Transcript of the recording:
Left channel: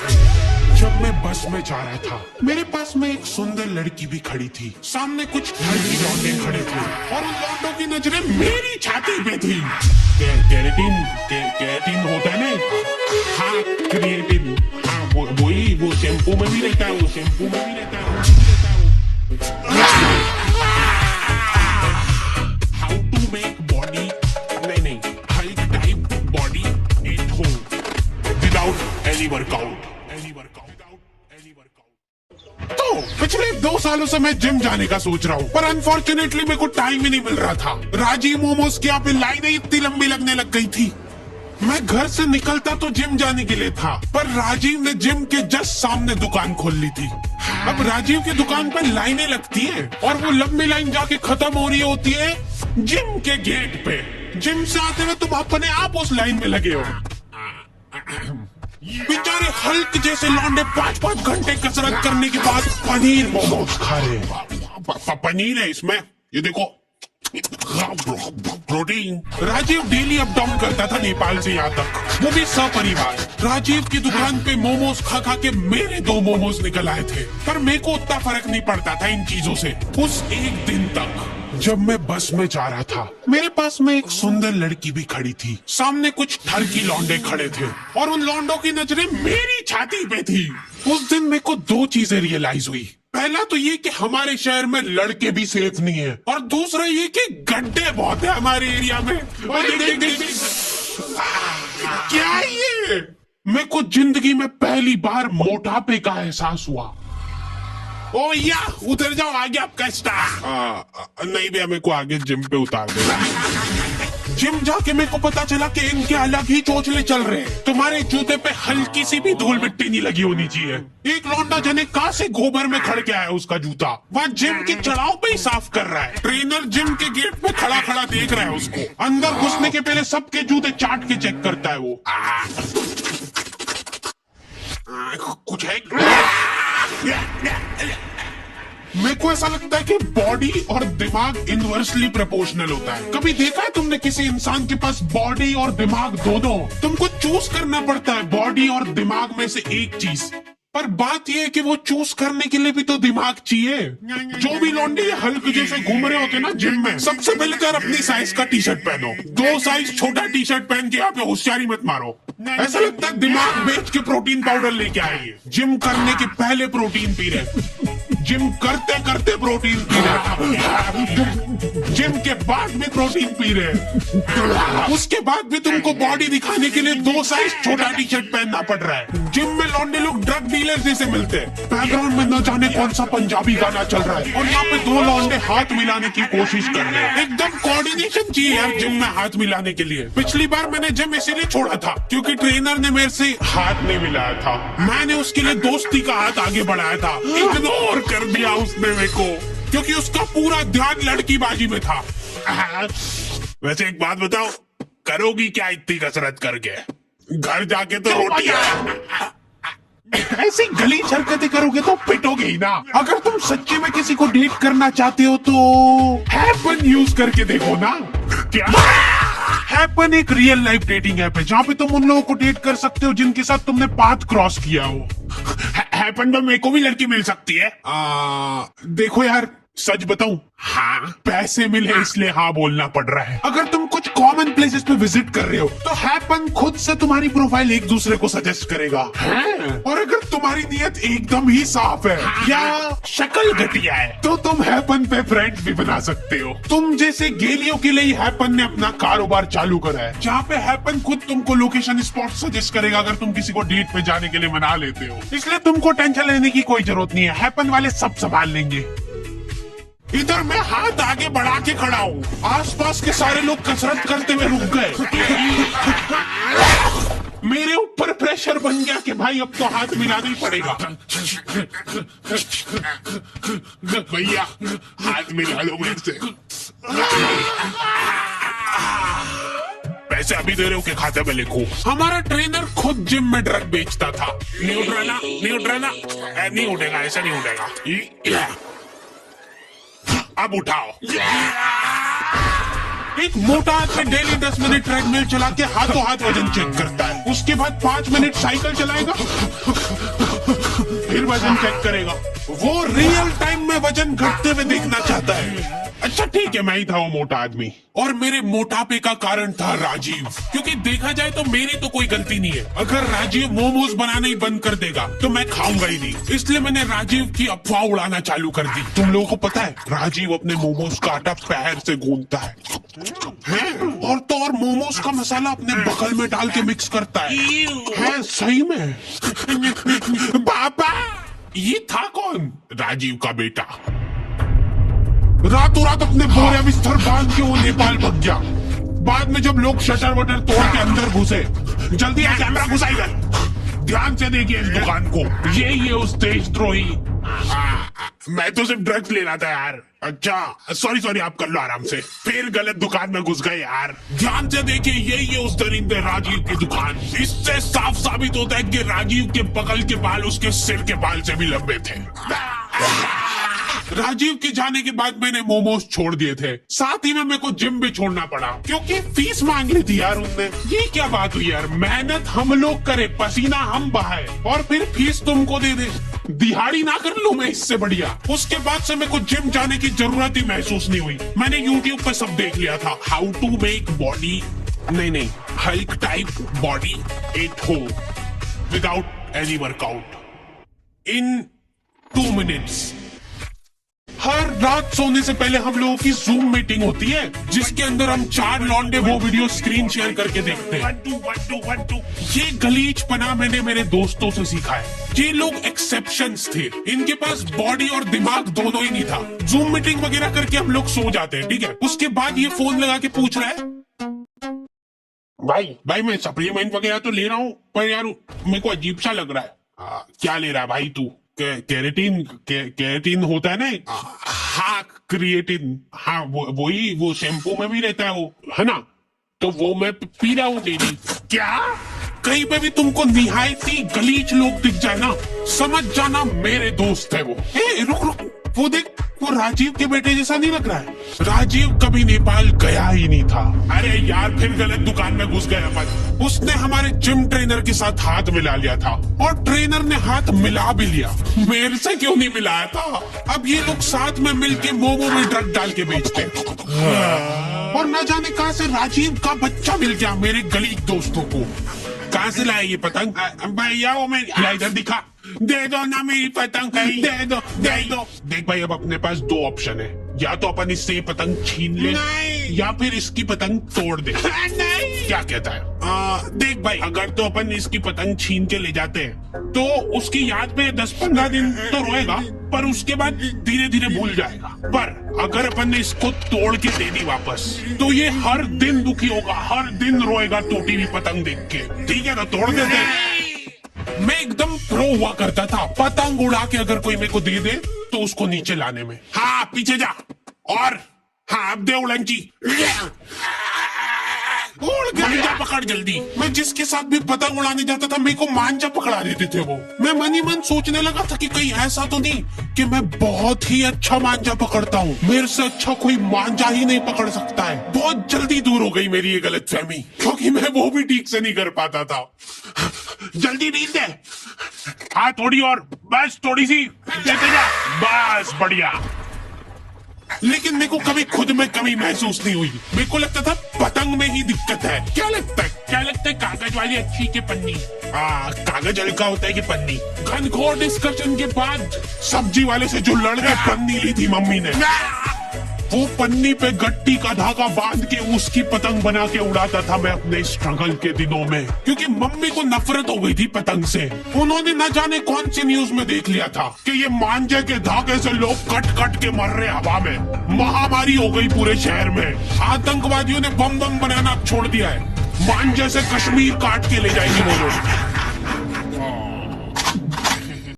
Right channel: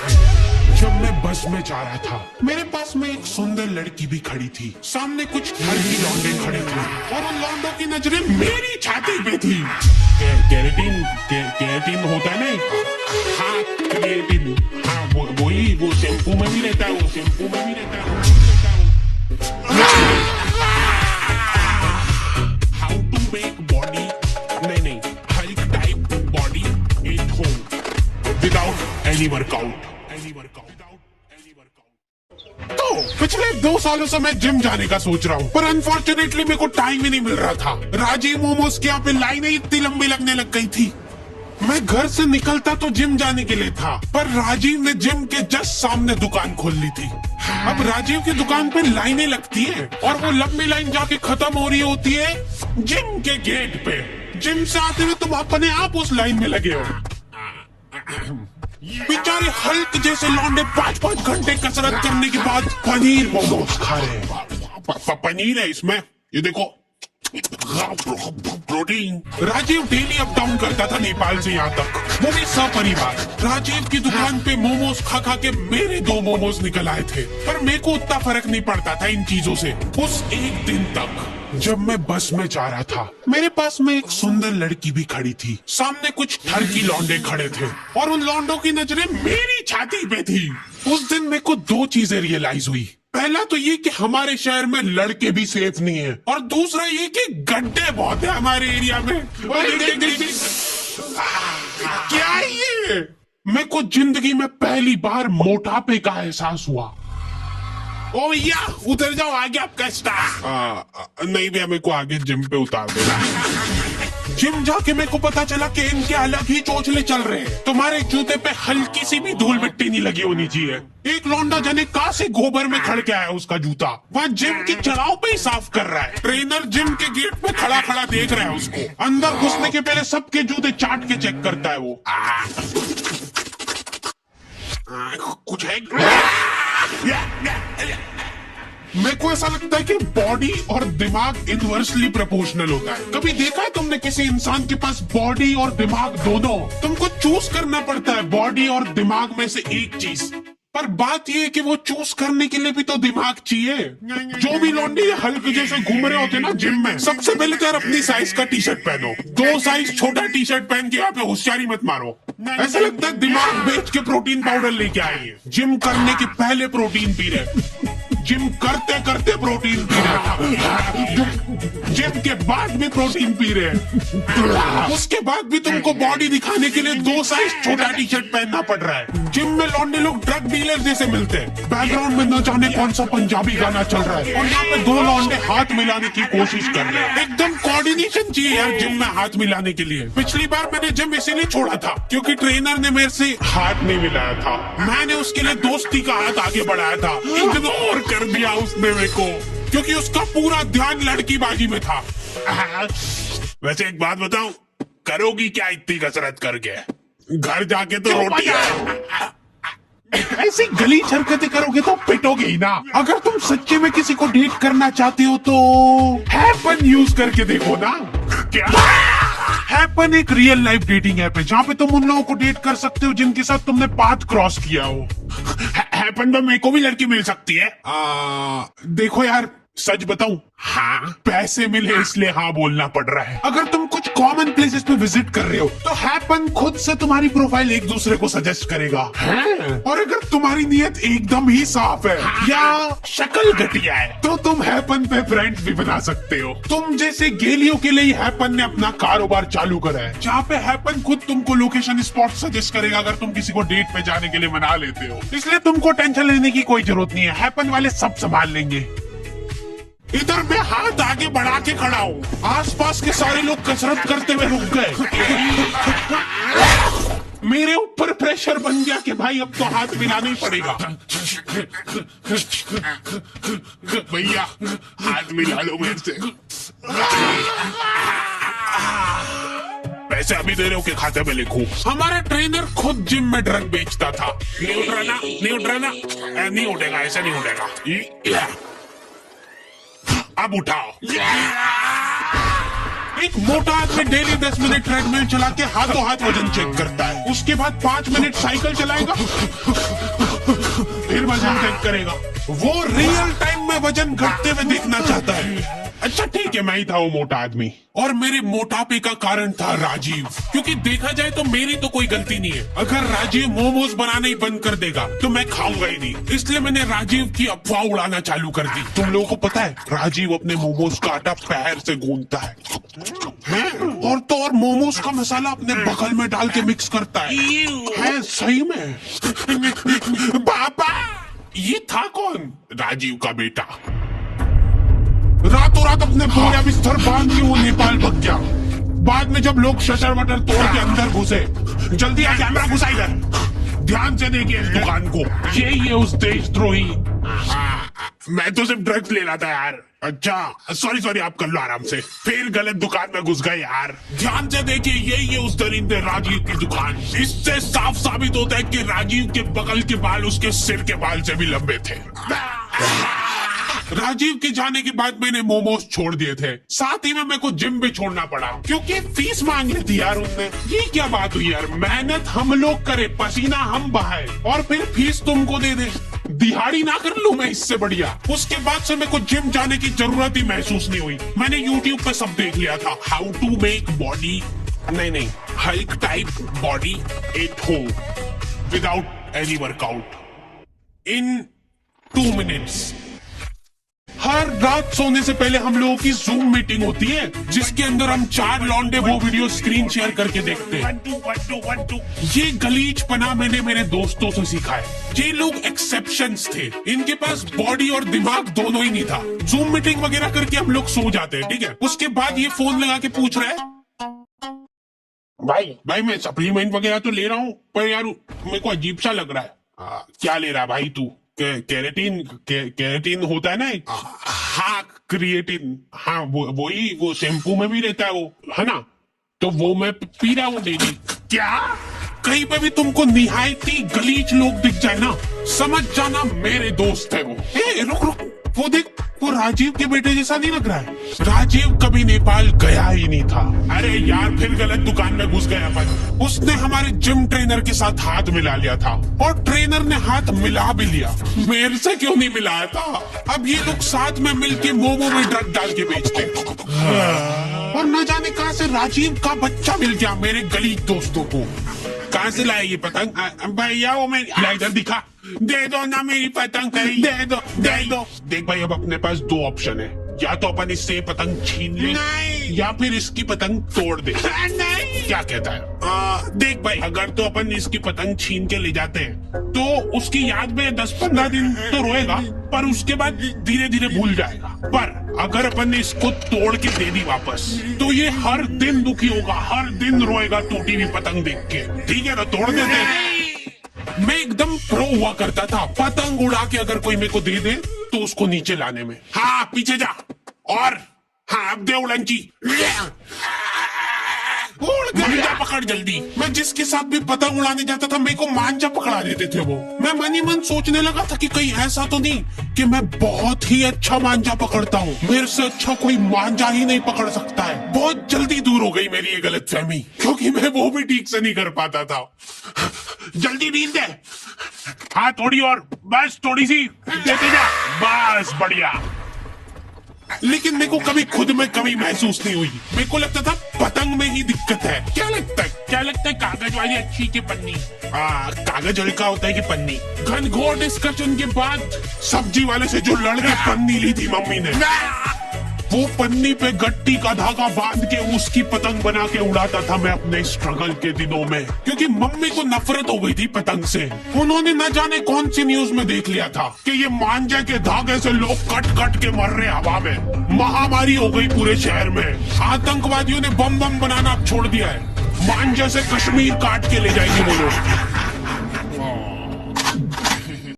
थे जब मैं बस में जा रहा था। मेरे पास में एक सुंदर लड़की भी खड़ी थी। सामने कुछ लड़की लौंडे खड़े थे और उन लौंडों की नजरें मेरी छाती पे थी। केराटिन होता है ना? हाँ, क्रिएटिन। हाँ, वो शैम्पू में भी रहता है, वो शैम्पू में भी रहता है। हाउ टू मेक बॉडी, नहीं, Hulk type body at home without any workout. तो पिछले 2 सालों से मैं जिम जाने का सोच रहा हूँ, पर अनफॉर्चुनेटली मेरे को टाइम ही नहीं मिल रहा था। राजीव मोमोज के यहाँ पे लाइनें इतनी लंबी लगने लग गई थी। मैं घर से निकलता तो जिम जाने के लिए था, पर राजीव ने जिम के जस्ट सामने दुकान खोल ली थी। अब राजीव की दुकान पर लाइनें लगती हैं और वो लंबी लाइन जाके खत्म हो रही होती है जिम के गेट पे। जिम से आते हुए तुम अपने आप उस लाइन में लगे हो। बेचारे हल्क जैसे लौंडे 5-5 घंटे कसरत करने के बाद पनीर मोमोज खा रहे हैं। पनीर है इसमें, ये देखो, protein. Rajiv daily up down करता था नेपाल से यहाँ तक, वो भी सपरिवार। राजीव की दुकान पे मोमोज खा खा के मेरे 2 मोमोज निकल आए थे, पर मेरे को उतना फर्क नहीं पड़ता था इन चीजों से। उस एक दिन तक जब मैं बस में जा रहा था, मेरे पास में एक सुंदर लड़की भी खड़ी थी। सामने कुछ ठरकी लौंडे खड़े थे और उन लौंडों की नजरें मेरी छाती पे थी। उस दिन मेरे को 2 चीजें रियलाइज हुई। पहला तो ये कि हमारे शहर में लड़के भी सेफ नहीं है, और दूसरा ये कि गड्ढे बहुत है हमारे एरिया में। क्या ये? मेरे को जिंदगी में पहली बार मोटापे का एहसास हुआ। ओ भैया उधर जाओ, आगे आपका स्टार। नहीं भैया, मेरे को आगे जिम पे उतार दो। जिम जाके मेरे को पता चला कि इनके अलग ही चोचले चल रहे हैं। तुम्हारे जूते पे हल्की सी भी धूल मिट्टी नहीं लगी होनी चाहिए। एक लौंडा जाने कहां से गोबर में खड़ के आया उसका जूता, वह जिम की चढ़ाव पे ही साफ कर रहा है। ट्रेनर जिम के गेट पे खड़ा खड़ा देख रहा है उसको। अंदर घुसने के पहले सबके जूते चाट के चेक करता है वो। कुछ है? मेरे को ऐसा लगता है कि बॉडी और दिमाग इनवर्सली प्रोपोर्शनल होता है। कभी देखा है तुमने किसी इंसान के पास बॉडी और दिमाग दोनों? तुमको चूज करना पड़ता है बॉडी और दिमाग में से एक चीज, पर बात यह है कि वो चूज करने के लिए भी तो दिमाग चाहिए। जो भी लौंडे हल्क जैसे घूम रहे होते ना जिम में, सबसे पहले तो अपनी साइज का टी शर्ट पहनो। 2 साइज छोटा टी शर्ट पहन के यहाँ पे होशियारी मत मारो। ऐसा लगता है दिमाग बेच के प्रोटीन पाउडर लेके आएंगे। जिम करने के पहले प्रोटीन पी रहे, जिम करते करते प्रोटीन पी रहे, जिम के बाद भी प्रोटीन पी रहे, उसके बाद भी तुमको बॉडी दिखाने के लिए 2 साइज छोटा टी शर्ट पहनना पड़ रहा है। जिम में लौंडे लोग ड्रग डीलर जैसे मिलते हैं। बैकग्राउंड में न जाने कौन सा पंजाबी गाना चल रहा है और यहाँ पे 2 लौंडे हाथ मिलाने की कोशिश कर रहे हैं। एकदम कोऑर्डिनेशन चाहिए यार जिम में हाथ मिलाने के लिए। पिछली बार मैंने जिम इसीलिए छोड़ा था क्योंकि ट्रेनर ने मेरे से हाथ नहीं मिलाया था। मैंने उसके लिए दोस्ती का हाथ आगे बढ़ाया था, इग्नोर कर दिया उसने मेरे को, क्योंकि उसका पूरा ध्यान लड़कीबाजी में था। वैसे एक बात बताओ, करोगी क्या इतनी कसरत करके? घर जाके तो रोटी ऐसी गलीज हरकतें करोगे तो पिटोगे ही ना। अगर तुम सच्चे में किसी को डेट करना चाहते हो तो हैपन यूज करके देखो ना। क्या? हैपन एक रियल लाइफ डेटिंग ऐप है जहाँ पे तुम उन लोगों को डेट कर सकते हो जिनके साथ तुमने पाथ क्रॉस किया हो। हैपन में मेरे को भी लड़की मिल सकती है? देखो यार, सच बताऊं, हाँ पैसे मिले इसलिए हाँ बोलना पड़ रहा है। अगर तुम कुछ कॉमन प्लेसेस पे विजिट कर रहे हो तो हैपन खुद से तुम्हारी प्रोफाइल एक दूसरे को सजेस्ट करेगा। और अगर तुम्हारी नीयत एकदम ही साफ है या शक्ल घटिया है तो तुम हैपन पे फ्रेंड्स भी बना सकते हो। तुम जैसे गेलियों के लिए हैपन ने अपना कारोबार चालू करा है, जहाँ पे हैपन खुद तुमको लोकेशन स्पॉट सजेस्ट करेगा अगर तुम किसी को डेट पे जाने के लिए मना लेते हो। इसलिए तुमको टेंशन लेने की कोई जरूरत नहीं है, हैपन वाले सब संभाल लेंगे। इधर मैं हाथ आगे बढ़ा के खड़ा हूँ, आसपास के सारे लोग कसरत करते हुए रुक गए। मेरे ऊपर प्रेशर बन गया कि भाई अब तो हाथ मिलाना ही पड़ेगा। भैया हाथ मिला लो मेरे से। पैसे अभी दे रहे हो के खाते में लिखो। हमारा ट्रेनर खुद जिम में ड्रग बेचता था। नहीं उठ रहा ना, नहीं उठ रहा ना, नहीं उठेगा, ऐसा नहीं उठेगा। अब उठाओ। एक मोटा आदमी डेली 10 मिनट ट्रेडमिल चला के हाथों हाथ वजन चेक करता है, उसके बाद 5 मिनट साइकिल चलाएगा, फिर वजन चेक करेगा। वो रियल टाइम में वजन घटते हुए देखना चाहता है। अच्छा ठीक है, मैं ही था वो मोटा आदमी, और मेरे मोटापे का कारण था राजीव। क्योंकि देखा जाए तो मेरी तो कोई गलती नहीं है। अगर राजीव मोमोज बनाने ही बंद कर देगा तो मैं खाऊंगा ही नहीं, इसलिए मैंने राजीव की अफवाह उड़ाना चालू कर दी। तुम लोगों को पता है राजीव अपने मोमोज का आटा पैर से गूंथता है, और तो और मोमोज का मसाला अपने बगल में डाल के मिक्स करता है सही में। पापा, ये था कौन? राजीव का बेटा। रातों रात अपने बोरिया बिस्तर बांध के वो नेपाल भाग गया। बाद में जब लोग शटर वटर तोड़ के अंदर घुसे, जल्दी कैमरा घुसाई गए। ध्यान से देखिए इस दुकान को, ये उस देशद्रोही। मैं तो सिर्फ ड्रग्स ले रहा था यार। अच्छा सॉरी, आप कर लो आराम से। फिर गलत दुकान में घुस गए यार। ध्यान से देखिए, ये उस दरिंदे राजीव की दुकान। इससे साफ साबित होता है कि राजीव के बगल के बाल उसके सिर के बाल से भी लंबे थे। राजीव के जाने के बाद मैंने मोमोज छोड़ दिए थे, साथ ही में मेरे को जिम भी छोड़ना पड़ा, क्योंकि फीस मांग रही थी यार उसने। ये क्या बात हुई यार, मेहनत हम लोग करे, पसीना हम बहाए, और फिर फीस तुमको दे दे। दिहाड़ी ना कर लूं मैं इससे बढ़िया। उसके बाद से मेरे को जिम जाने की जरूरत ही महसूस नहीं हुई। मैंने यूट्यूब पे सब देख लिया था, हाउ टू मेक बॉडी, नहीं hike type body at home without any workout in 2 minutes. हर रात सोने से पहले हम लोगों की जूम मीटिंग होती है, जिसके अंदर हम 4 लौंडे वो वीडियो स्क्रीन शेयर करके देखते हैं। 1 2 ये गलीचपना मैंने मेरे दोस्तों से सीखा है। ये लोग एक्सेप्शंस थे, इनके पास बॉडी और दिमाग दोनों ही नहीं था। जूम मीटिंग वगैरह करके हम लोग सो जाते हैं, ठीक है। उसके बाद ये फोन लगा के पूछ रहा है, भाई मैं सप्लीमेंट वगैरह तो ले रहा हूँ, पर यार मेरे को अजीब सा लग रहा है। क्या ले रहा है भाई तू? केराटिन होता है ना। हाँ क्रिएटिन, हाँ वही वो शैम्पू में भी रहता है वो, है ना। तो वो मैं पी रहा हूँ डेली। क्या? कहीं पे भी तुमको निहायती गलीच लोग दिख जाए ना, समझ जाना मेरे दोस्त है वो। रुक, वो देख, वो राजीव के बेटे जैसा नहीं लग रहा है? राजीव कभी नेपाल गया ही नहीं था। अरे यार फिर गलत दुकान में घुस गया अपन। उसने हमारे जिम ट्रेनर के साथ हाथ मिला लिया था, और ट्रेनर ने हाथ मिला भी लिया। मेरे से क्यों नहीं मिलाया था? अब ये लोग साथ में मिलके मोमो में ड्रग डाल के बेचते हैं। और न जाने कहां से राजीव का बच्चा मिल गया मेरे गलीच दोस्तों को। कहां से लाया ये पतंग? भैया वो मैं इधर दिखा, दे दो ना मेरी पतंग, दे दो। देख भाई, अब अपने पास 2 ऑप्शन है, या तो अपन इससे ये पतंग छीन ले, या फिर इसकी पतंग तोड़ दे। नहीं। क्या कहता है? देख भाई, अगर तो अपन इसकी पतंग छीन के ले जाते हैं तो उसकी याद में 10-15 दिन तो रोएगा, पर उसके बाद धीरे धीरे भूल जाएगा। पर अगर अपन ने इसको तोड़ के दे दी वापस, तो ये हर दिन दुखी होगा, हर दिन रोएगा टूटी हुई पतंग देख के। ठीक है ना, तोड़ देते। मैं एकदम प्रो हुआ करता था, पतंग उड़ा के अगर कोई मेरे को दे दे तो उसको नीचे लाने में। हाँ पीछे जा, और हाँ अब दे उड़ंची, मांझा पकड़ जल्दी। मैं जिसके साथ भी पतंग उड़ाने जाता था मेरे को मांझा पकड़ा देते थे वो। मैं मन ही मन सोचने लगा था कि कहीं ऐसा तो नहीं कि मैं बहुत ही अच्छा मांझा पकड़ता हूँ, मेरे से अच्छा कोई मांझा ही नहीं पकड़ सकता है। बहुत जल्दी दूर हो गई मेरी ये गलतफहमी, क्योंकि मैं वो भी ठीक से नहीं कर पाता था। जल्दी ढील दे। हाँ थोड़ी और, बस थोड़ी सी देते जा, बस बढ़िया। लेकिन मेरे को कभी खुद में कमी महसूस नहीं हुई। मेरे को लगता था पतंग में ही दिक्कत है। क्या लगता है कागज वाली अच्छी की पन्नी? कागज हल्का होता है कि पन्नी? घनघोर डिस्कशन के बाद सब्जी वाले से जो लड़के पन्नी ली थी मम्मी ने, वो पन्नी पे गट्टी का धागा बांध के उसकी पतंग बना के उड़ाता था मैं अपने स्ट्रगल के दिनों में, क्योंकि मम्मी को नफरत हो गई थी पतंग से। उन्होंने न जाने कौन सी न्यूज में देख लिया था कि ये मांझे के धागे से लोग कट कट के मर रहे हवा में। महामारी हो गई पूरे शहर में। आतंकवादियों ने बम बनाना छोड़ दिया है। मांझे से कश्मीर काट के ले जाएगी वो लोग।